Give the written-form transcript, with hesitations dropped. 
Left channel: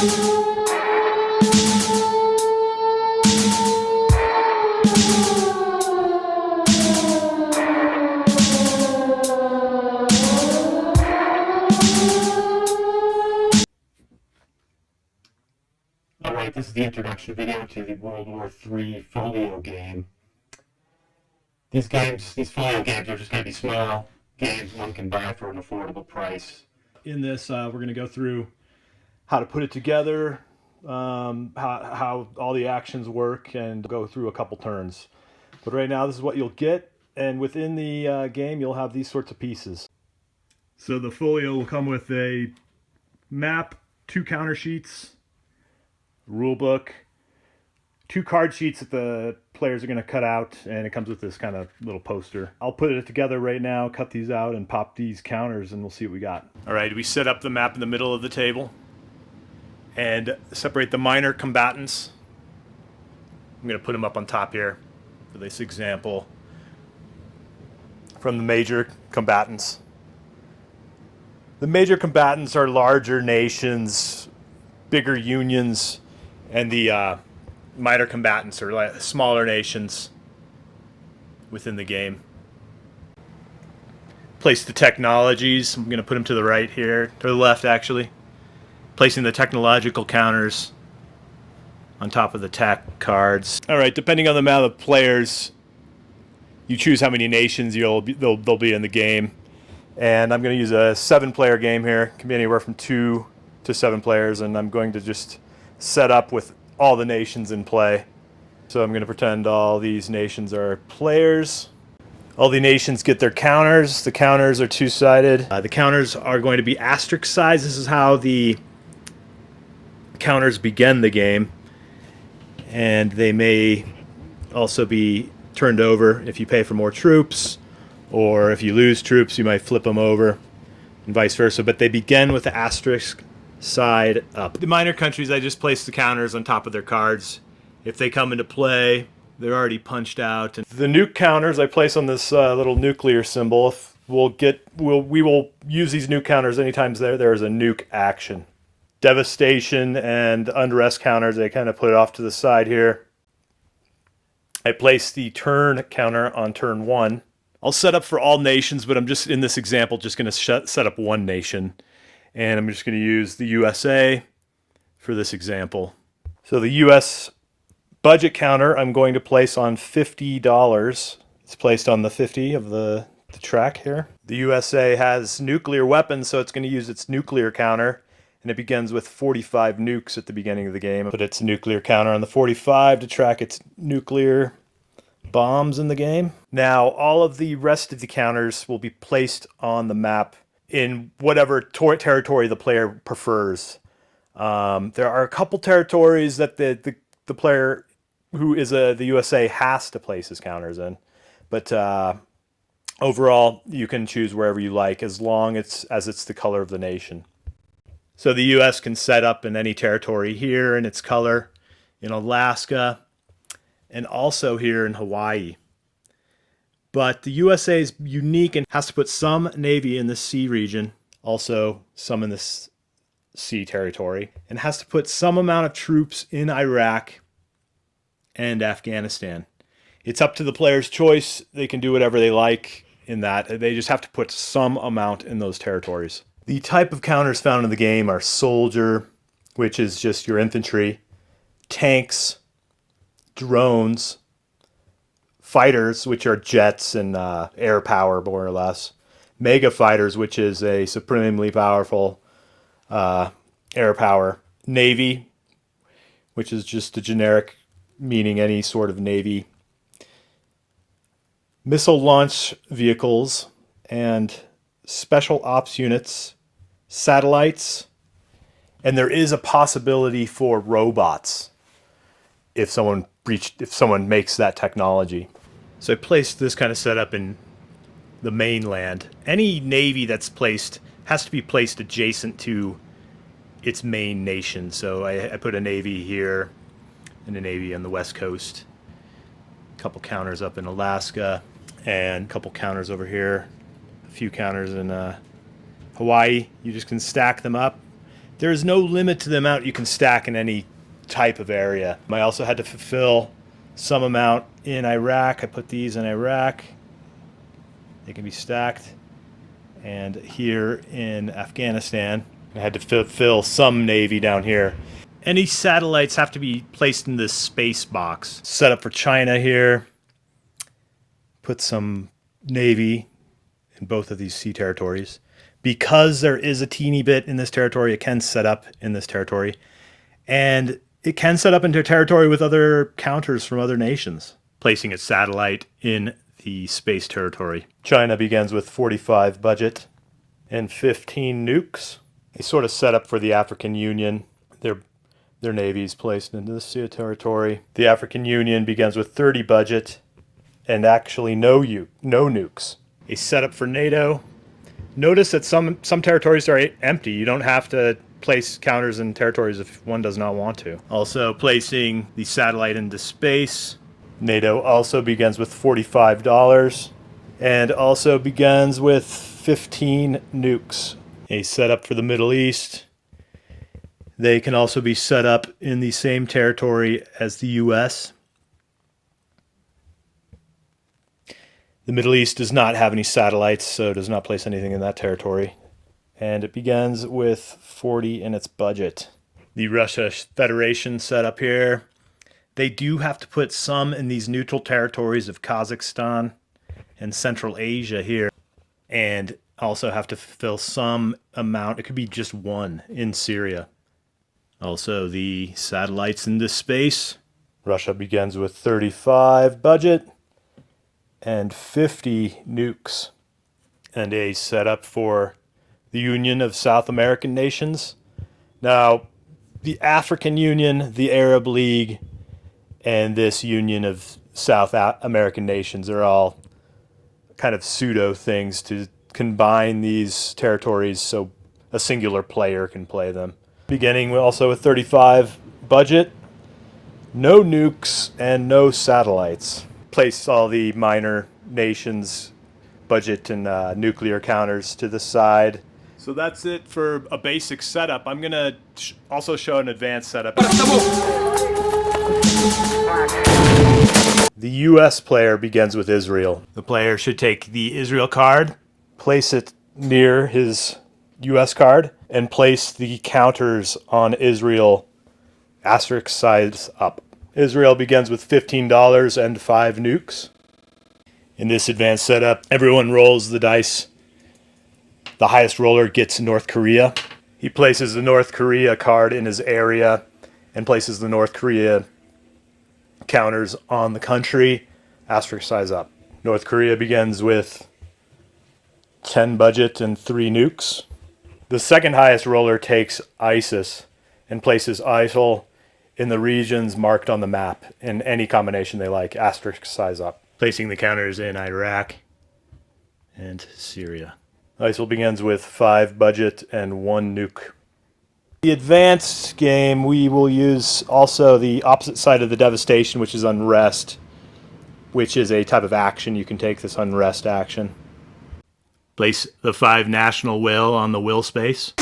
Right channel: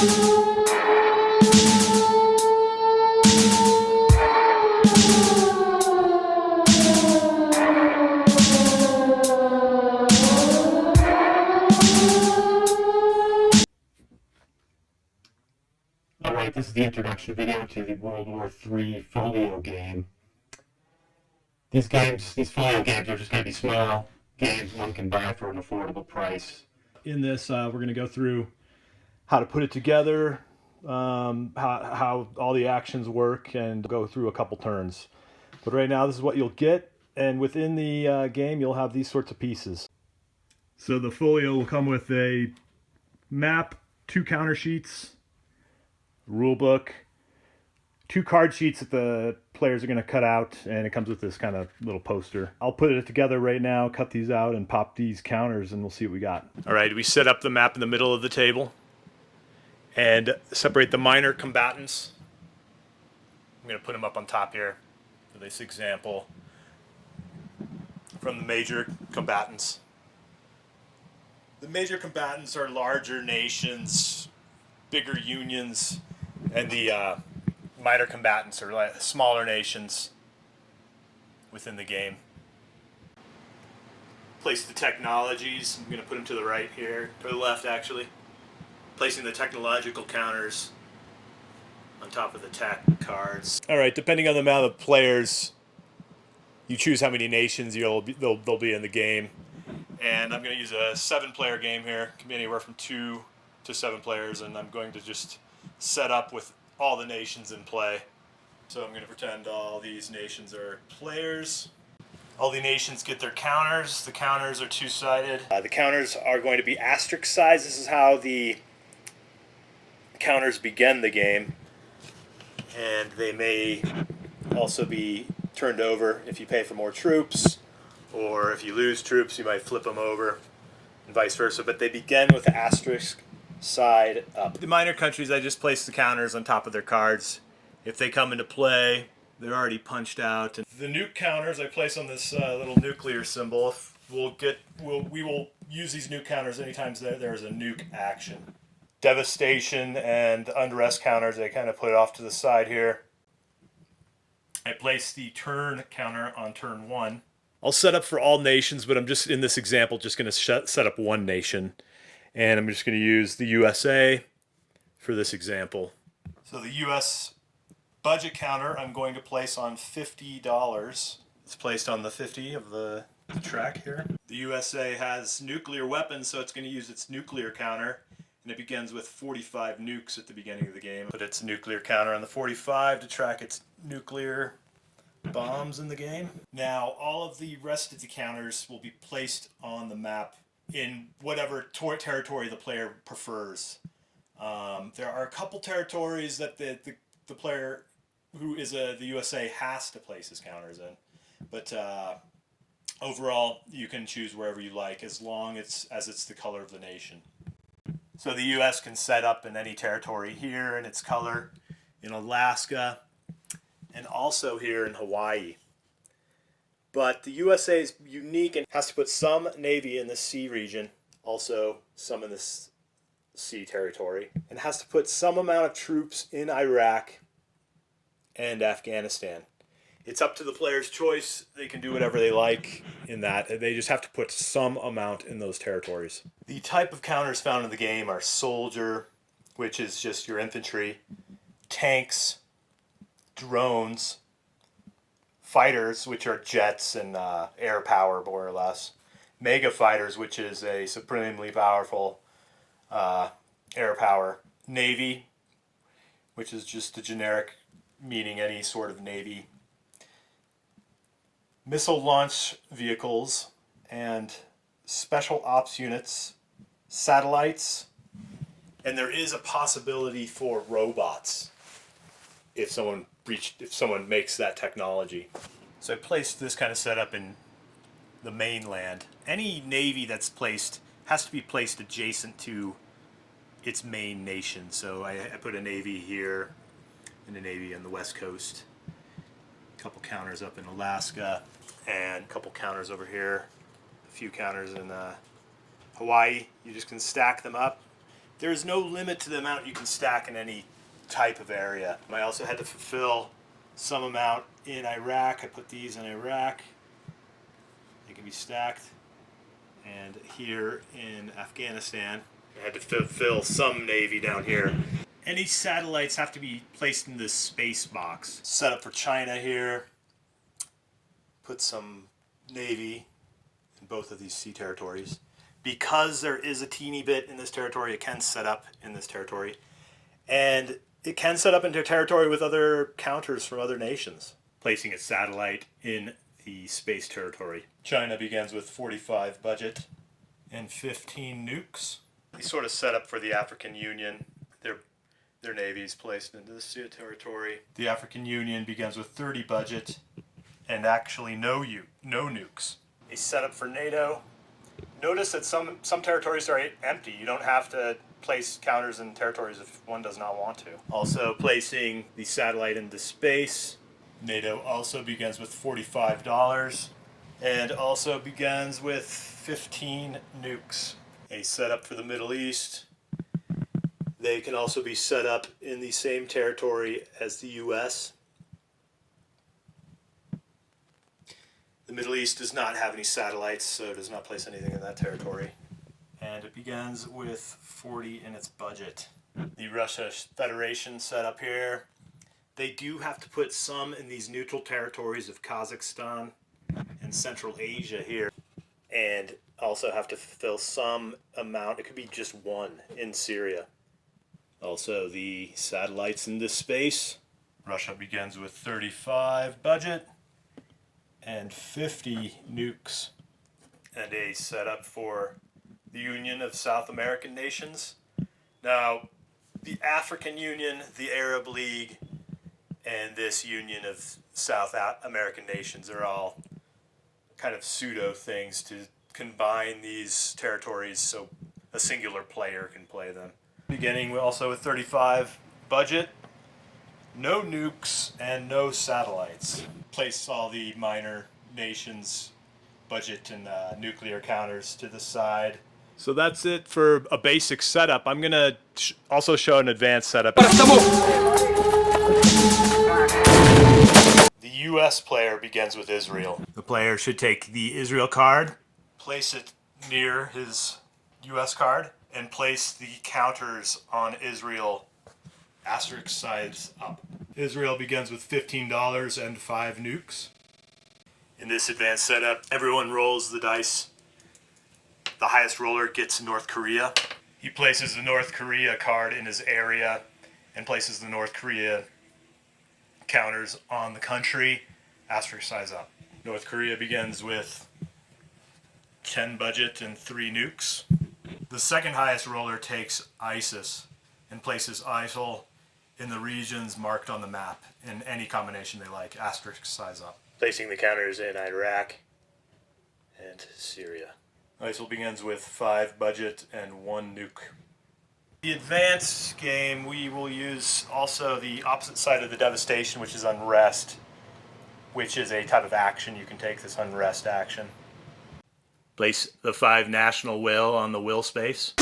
Alright, this is the introduction video to the World War III Folio game. These Folio games are just going to be small games one can buy for an affordable price. In this, we're going to go through how to put it together, how all the actions work, and go through a couple turns. But right now, this is what you'll get, and within the game, you'll have these sorts of pieces. So the folio will come with a map, 2 counter sheets, rule book, 2 card sheets that the players are going to cut out, and it comes with this kind of little poster. I'll put it together right now, cut these out, and pop these counters, and we'll see what we got. All right, we set up the map in the middle of the table and separate the minor combatants. I'm going to put them up on top here for this example from the major combatants. The major combatants are larger nations, bigger unions, and the minor combatants are like smaller nations within the game. Place the technologies. I'm going to put them to the right here, to the left actually. Placing the technological counters on top of the tech cards. All right, depending on the amount of players, you choose how many nations they'll be in the game. And I'm going to use a 7-player game here. It can be anywhere from 2 to 7 players, and I'm going to just set up with all the nations in play. So I'm going to pretend all these nations are players. All the nations get their counters. The counters are 2-sided. The counters are going to be asterisk size. This is how the counters begin the game. And they may also be turned over if you pay for more troops, or if you lose troops, you might flip them over, and vice versa. But they begin with the asterisk side up. The minor countries, I just place the counters on top of their cards. If they come into play, they're already punched out. And the nuke counters I place on this little nuclear symbol. We will use these nuke counters anytime there is a nuke action. Devastation and unrest counters, I kind of put it off to the side here. I place the turn counter on turn 1. I'll set up for all nations, but I'm just, in this example, just going to set up one nation. And I'm just going to use the USA for this example. So the US budget counter I'm going to place on $50. It's placed on the 50 of the track here. The USA has nuclear weapons, so it's going to use its nuclear counter. And it begins with 45 nukes at the beginning of the game. Put its nuclear counter on the 45 to track its nuclear bombs in the game. Now, all of the rest of the counters will be placed on the map in whatever territory the player prefers. There are a couple territories that the player who is the USA has to place his counters in, but overall you can choose wherever you like as long as it's the color of the nation. So the US can set up in any territory here in its color, in Alaska, and also here in Hawaii. But the USA is unique and has to put some Navy in the sea region, also some in the sea territory, and has to put some amount of troops in Iraq and Afghanistan. It's up to the player's choice. They can do whatever they like in that. They just have to put some amount in those territories. The type of counters found in the game are soldier, which is just your infantry, tanks, drones, fighters, which are jets and air power, more or less, mega fighters, which is a supremely powerful air power, navy, which is just a generic meaning any sort of navy, missile launch vehicles, and special ops units, satellites, and there is a possibility for robots if someone makes that technology. So I placed this kind of setup in the mainland. Any navy that's placed has to be placed adjacent to its main nation. So I put a navy here and a navy on the west coast. A couple counters up in Alaska and a couple counters over here. A few counters in Hawaii. You just can stack them up. There's no limit to the amount you can stack in any type of area. I also had to fulfill some amount in Iraq. I put these in Iraq. They can be stacked. And here in Afghanistan, I had to fulfill some Navy down here. Any satellites have to be placed in this space box. Set up for China here. Put some Navy in both of these sea territories. Because there is a teeny bit in this territory, it can set up in this territory. And it can set up into territory with other counters from other nations, placing its satellite in the space territory. China begins with 45 budget and 15 nukes. They sort of set up for the African Union. Their navy's placed into this territory. The African Union begins with 30 budget and actually no nukes. A setup for NATO. Notice that some territories are empty. You don't have to place counters in territories if one does not want to. Also placing the satellite into space. NATO also begins with $45 and also begins with 15 nukes. A setup for the Middle East. They can also be set up in the same territory as the US. The Middle East does not have any satellites, so does not place anything in that territory. And it begins with 40 in its budget. The Russia Federation set up here. They do have to put some in these neutral territories of Kazakhstan and Central Asia here. And also have to fulfill some amount, it could be just one, in Syria. Also the satellites in this space. Russia begins with 35 budget and 50 nukes. And a setup for the Union of South American Nations. Now, the African Union, the Arab League, and this Union of South American Nations are all kind of pseudo things to combine these territories so a singular player can play them. Beginning also with 35 budget, no nukes, and no satellites. Place all the minor nations' budget and nuclear counters to the side. So that's it for a basic setup. I'm going to also show an advanced setup. The US player begins with Israel. The player should take the Israel card, place it near his US card, and place the counters on Israel asterisk size up. Israel begins with $15 and 5 nukes. In this advanced setup, everyone rolls the dice. The highest roller gets North Korea. He places the North Korea card in his area and places the North Korea counters on the country, asterisk size up. North Korea begins with 10 budget and 3 nukes. The second highest roller takes ISIS and places ISIL in the regions marked on the map in any combination they like, asterisk size up. Placing the counters in Iraq and Syria. ISIL begins with 5 budget and 1 nuke. The advanced game, we will use also the opposite side of the devastation, which is unrest, which is a type of action. You can take this unrest action. Place the 5 national will on the will space.